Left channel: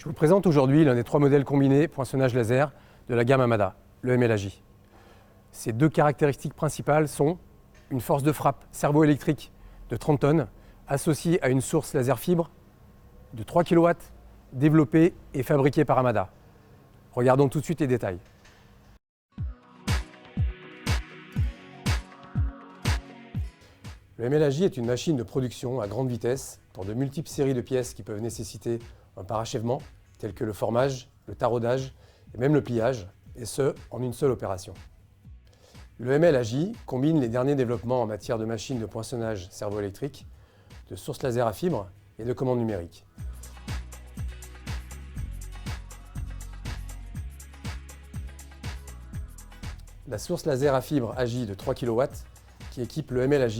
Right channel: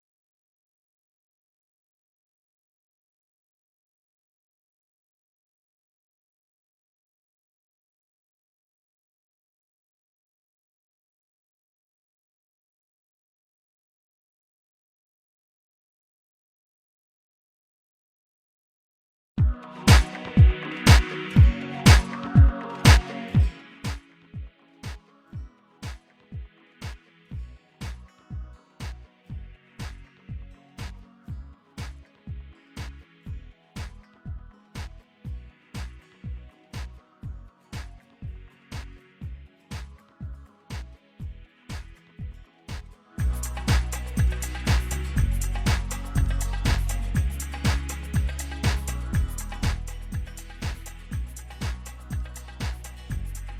Je vous présente aujourd'hui l'un des 3 modèles combinés poinçonnage laser de la gamme Amada, le MLAJ. Ses 2 caractéristiques principales sont une force de frappe servo-électrique de 30 tonnes associée à une source laser fibre de 3 kW développée et fabriquée par Amada. Regardons tout de suite les détails. Le MLAJ est une machine de production à grande vitesse pour de multiples séries de pièces qui peuvent nécessiter un parachèvement, tel que le formage, le taraudage et même le pliage, et ce, en une seule opération. Le MLAJ combine les derniers développements en matière de machines de poinçonnage servo-électrique, de sources laser à fibre et de commandes numériques. La source laser à fibre AJ de 3 kW qui équipe le MLAJ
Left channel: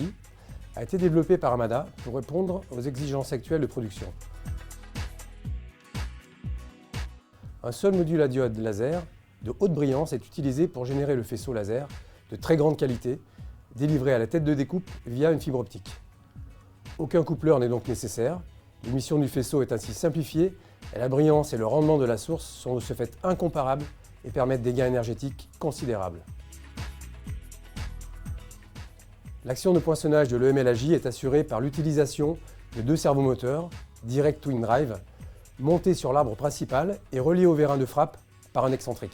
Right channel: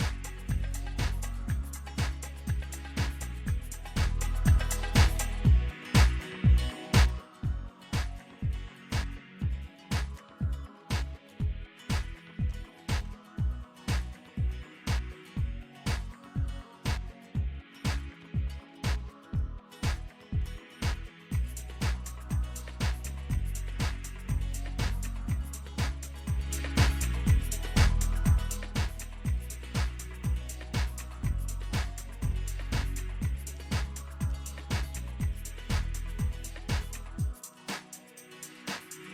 a été développée par Amada pour répondre aux exigences actuelles de production. Un seul module à diode laser de haute brillance est utilisé pour générer le faisceau laser de très grande qualité, délivré à la tête de découpe via une fibre optique. Aucun coupleur n'est donc nécessaire, l'émission du faisceau est ainsi simplifiée et la brillance et le rendement de la source sont de ce fait incomparables et permettent des gains énergétiques considérables. L'action de poinçonnage de l'EMLAJ est assurée par l'utilisation de 2 servomoteurs Direct Twin Drive montés sur l'arbre principal et reliés au vérin de frappe par un excentrique.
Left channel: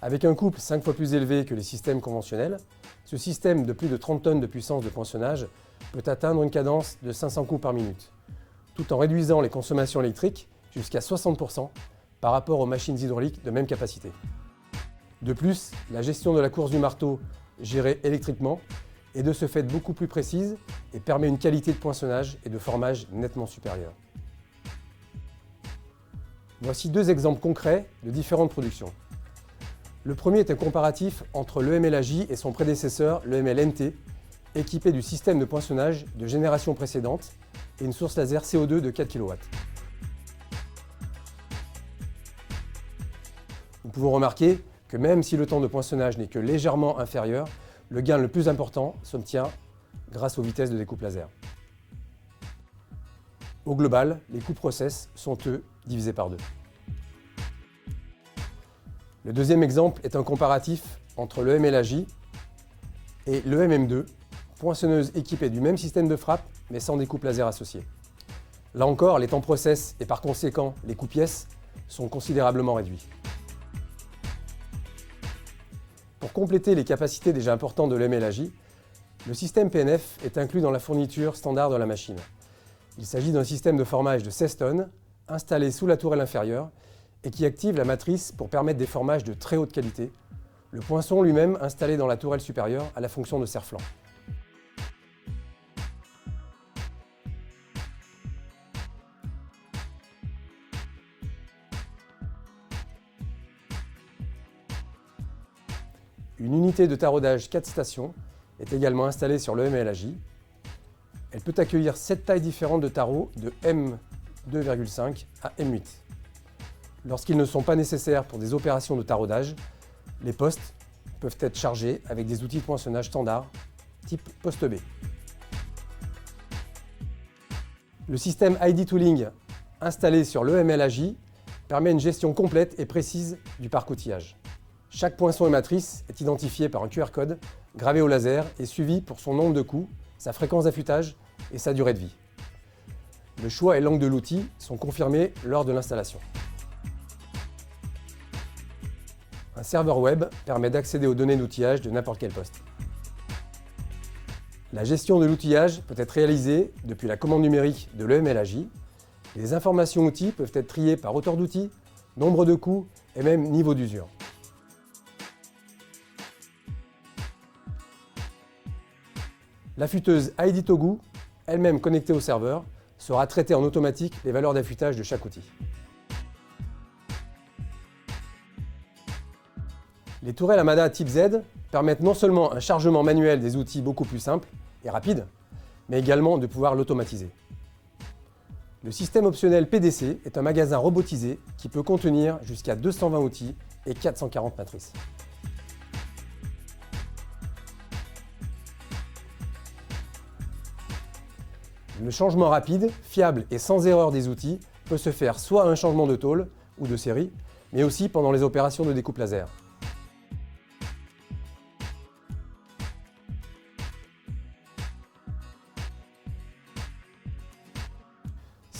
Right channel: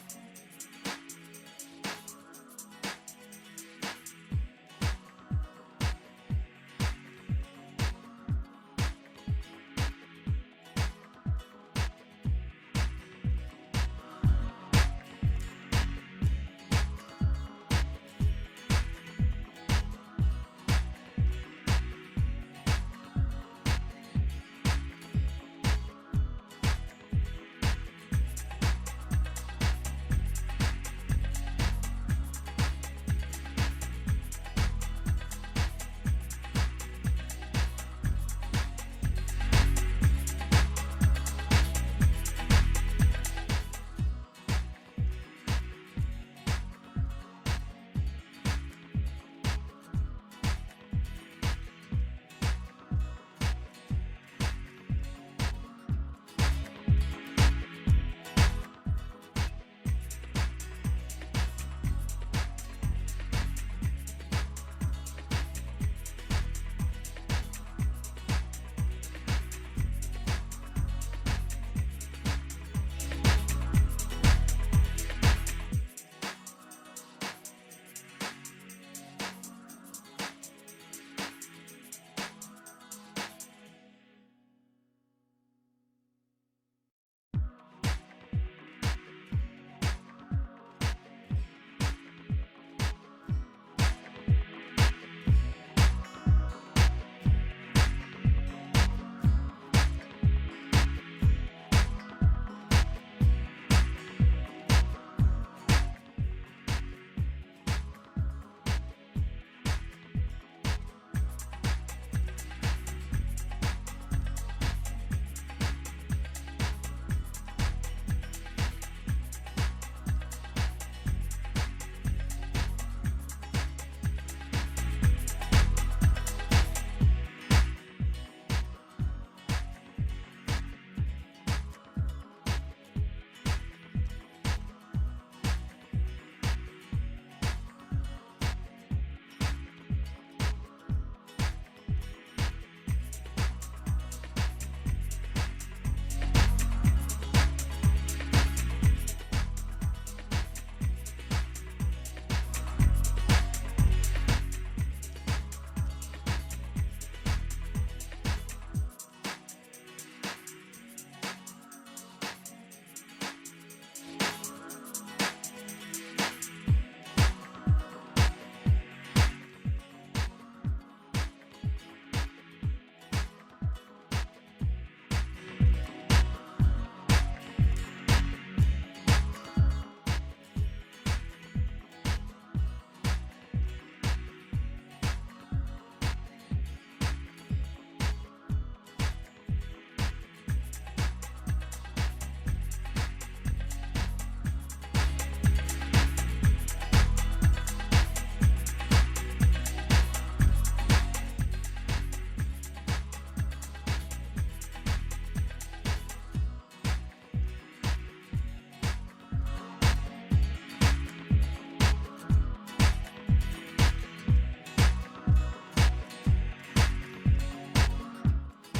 Avec un couple 5 fois plus élevé que les systèmes conventionnels, ce système de plus de 30 tonnes de puissance de poinçonnage peut atteindre une cadence de 500 coups par minute, tout en réduisant les consommations électriques jusqu'à 60% par rapport aux machines hydrauliques de même capacité. De plus, la gestion de la course du marteau gérée électriquement est de ce fait beaucoup plus précise et permet une qualité de poinçonnage et de formage nettement supérieure. Voici 2 exemples concrets de différentes productions. Le premier est un comparatif entre le MLAJ et son prédécesseur, le MLNT, équipé du système de poinçonnage de génération précédente et une source laser CO2 de 4 kW. Nous pouvons remarquer que même si le temps de poinçonnage n'est que légèrement inférieur, le gain le plus important s'obtient grâce aux vitesses de découpe laser. Au global, les coûts de process sont eux divisés par 2. Le deuxième exemple est un comparatif entre le MLAJ et le MM2, poinçonneuse équipée du même système de frappe mais sans découpe laser associée. Là encore, les temps process et par conséquent les coûts pièces sont considérablement réduits. Pour compléter les capacités déjà importantes de l'MLAJ, le système PNF est inclus dans la fourniture standard de la machine. Il s'agit d'un système de formage de 16 tonnes installé sous la tourelle inférieure et qui active la matrice pour permettre des formages de très haute qualité, le poinçon lui-même installé dans la tourelle supérieure à la fonction de serre-flanc. Une unité de taraudage 4 stations est également installée sur le MLAJ. Elle peut accueillir 7 tailles différentes de tarots de M2,5 à M8. Lorsqu'ils ne sont pas nécessaires pour des opérations de taraudage, les postes peuvent être chargés avec des outils de poinçonnage standard type poste B. Le système ID Tooling installé sur le MLAJ permet une gestion complète et précise du parc outillage. Chaque poinçon et matrice est identifié par un QR code gravé au laser et suivi pour son nombre de coups, sa fréquence d'affûtage et sa durée de vie. Le choix et l'angle de l'outil sont confirmés lors de l'installation. Un serveur web permet d'accéder aux données d'outillage de n'importe quel poste. La gestion de l'outillage peut être réalisée depuis la commande numérique de l'EMLAJ. Les informations outils peuvent être triées par auteur d'outils, nombre de coups et même niveau d'usure. L'affûteuse ID Togu, elle-même connectée au serveur, sera traitée en automatique les valeurs d'affûtage de chaque outil. Les tourelles Amada type Z permettent non seulement un chargement manuel des outils beaucoup plus simple et rapide, mais également de pouvoir l'automatiser. Le système optionnel PDC est un magasin robotisé qui peut contenir jusqu'à 220 outils et 440 matrices. Le changement rapide, fiable et sans erreur des outils peut se faire soit à un changement de tôle ou de série, mais aussi pendant les opérations de découpe laser.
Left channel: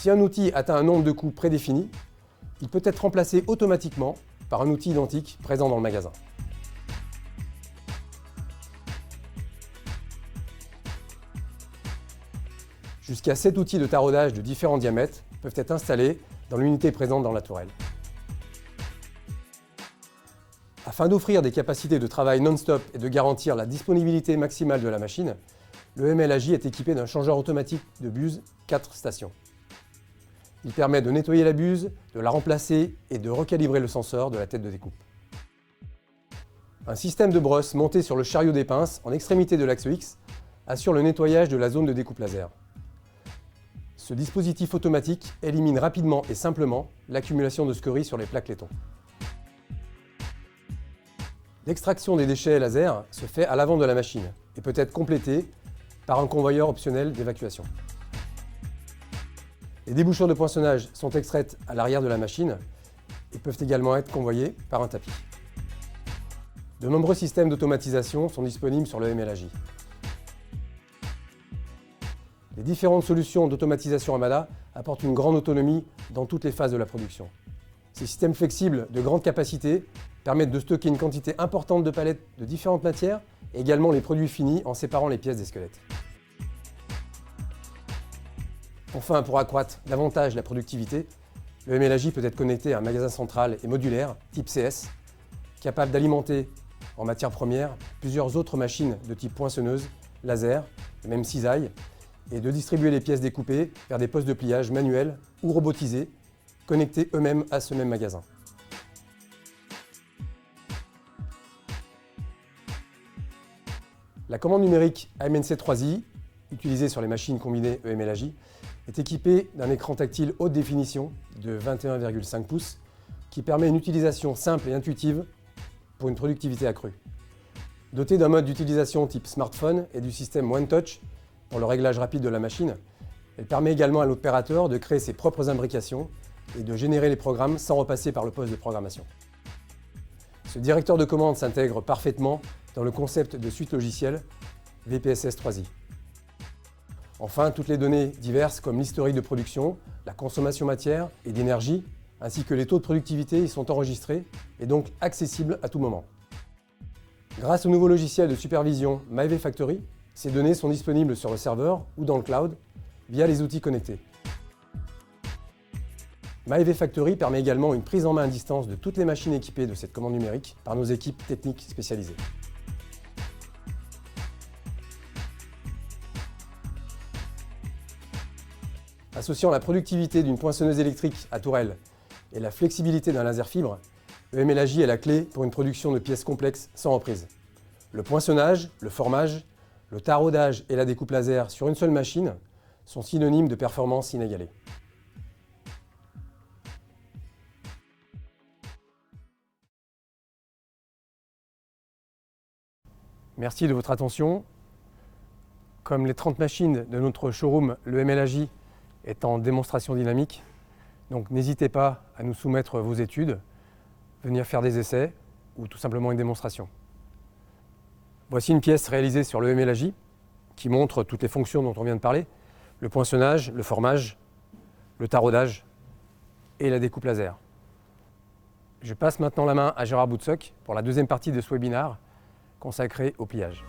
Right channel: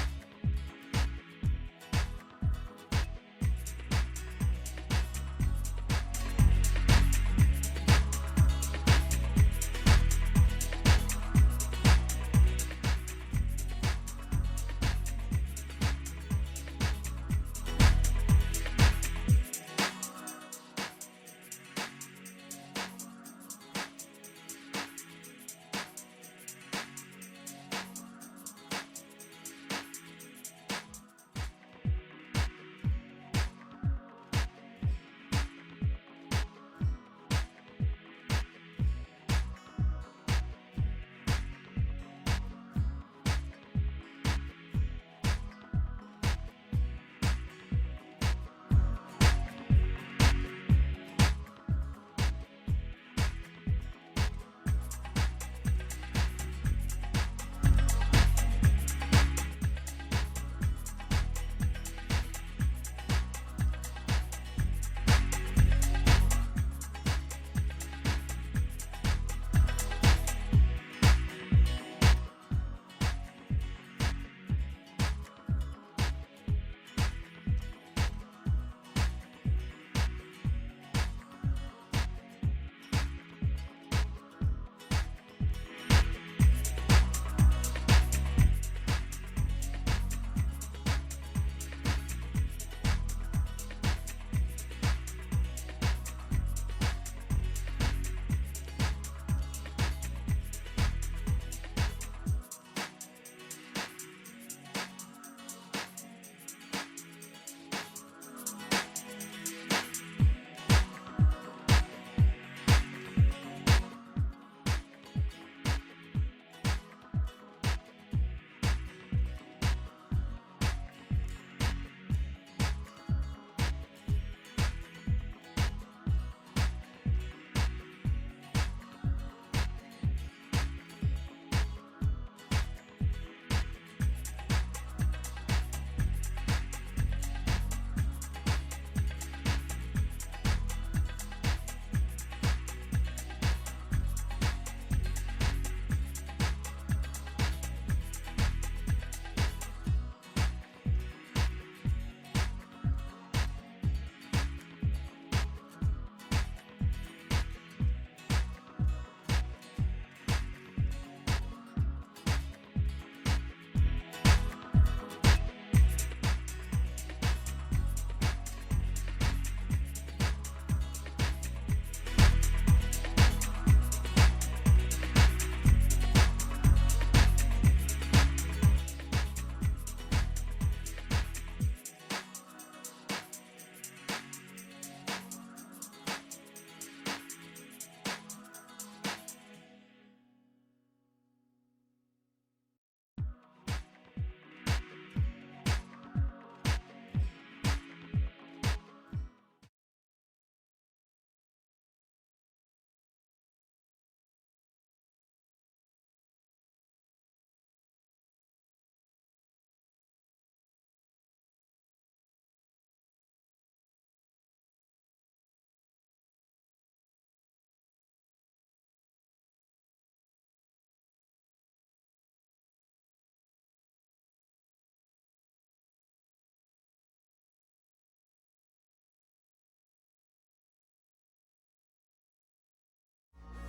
Si un outil atteint un nombre de coups prédéfini, il peut être remplacé automatiquement par un outil identique présent dans le magasin. Jusqu'à 7 outils de taraudage de différents diamètres peuvent être installés dans l'unité présente dans la tourelle. Afin d'offrir des capacités de travail non-stop et de garantir la disponibilité maximale de la machine, le MLAJ est équipé d'un changeur automatique de buse 4 stations. Il permet de nettoyer la buse, de la remplacer et de recalibrer le sensor de la tête de découpe. Un système de brosse monté sur le chariot des pinces en extrémité de l'axe X assure le nettoyage de la zone de découpe laser. Ce dispositif automatique élimine rapidement et simplement l'accumulation de scories sur les plaques laiton. L'extraction des déchets laser se fait à l'avant de la machine et peut être complétée par un convoyeur optionnel d'évacuation. Les débouchons de poinçonnage sont extraits à l'arrière de la machine et peuvent également être convoyés par un tapis. De nombreux systèmes d'automatisation sont disponibles sur le MLAJ. Les différentes solutions d'automatisation Amada apportent une grande autonomie dans toutes les phases de la production. Ces systèmes flexibles de grande capacité permettent de stocker une quantité importante de palettes de différentes matières et également les produits finis en séparant les pièces des squelettes. Enfin, pour accroître davantage la productivité, le MLAJ peut être connecté à un magasin central et modulaire type CS, capable d'alimenter en matière première plusieurs autres machines de type poinçonneuse, laser, même cisaille, et de distribuer les pièces découpées vers des postes de pliage manuels ou robotisés, connectés eux-mêmes à ce même magasin. La commande numérique AMNC3i, utilisée sur les machines combinées EMLAJ, est équipée d'un écran tactile haute définition de 21,5 pouces qui permet une utilisation simple et intuitive pour une productivité accrue. Dotée d'un mode d'utilisation type smartphone et du système One Touch pour le réglage rapide de la machine, elle permet également à l'opérateur de créer ses propres imbrications et de générer les programmes sans repasser par le poste de programmation. Ce directeur de commande s'intègre parfaitement dans le concept de suite logicielle VPSS3i. Enfin, toutes les données diverses comme l'historique de production, la consommation matière et d'énergie, ainsi que les taux de productivité y sont enregistrés et donc accessibles à tout moment. Grâce au nouveau logiciel de supervision MyV Factory, ces données sont disponibles sur le serveur ou dans le cloud via les outils connectés. MyV Factory permet également une prise en main à distance de toutes les machines équipées de cette commande numérique par nos équipes techniques spécialisées. Associant la productivité d'une poinçonneuse électrique à tourelle et la flexibilité d'un laser fibre, le MLAJ est la clé pour une production de pièces complexes sans reprise. Le poinçonnage, le formage, le taraudage et la découpe laser sur une seule machine sont synonymes de performance inégalée. Merci de votre attention. Comme les 30 machines de notre showroom, le MLAJ est en démonstration dynamique. Donc n'hésitez pas à nous soumettre vos études, venir faire des essais ou tout simplement une démonstration. Voici une pièce réalisée sur le MLAJ qui montre toutes les fonctions dont on vient de parler, le poinçonnage, le formage, le taraudage et la découpe laser. Je passe maintenant la main à Gérard Boutsock pour la deuxième partie de ce webinaire consacré au pliage.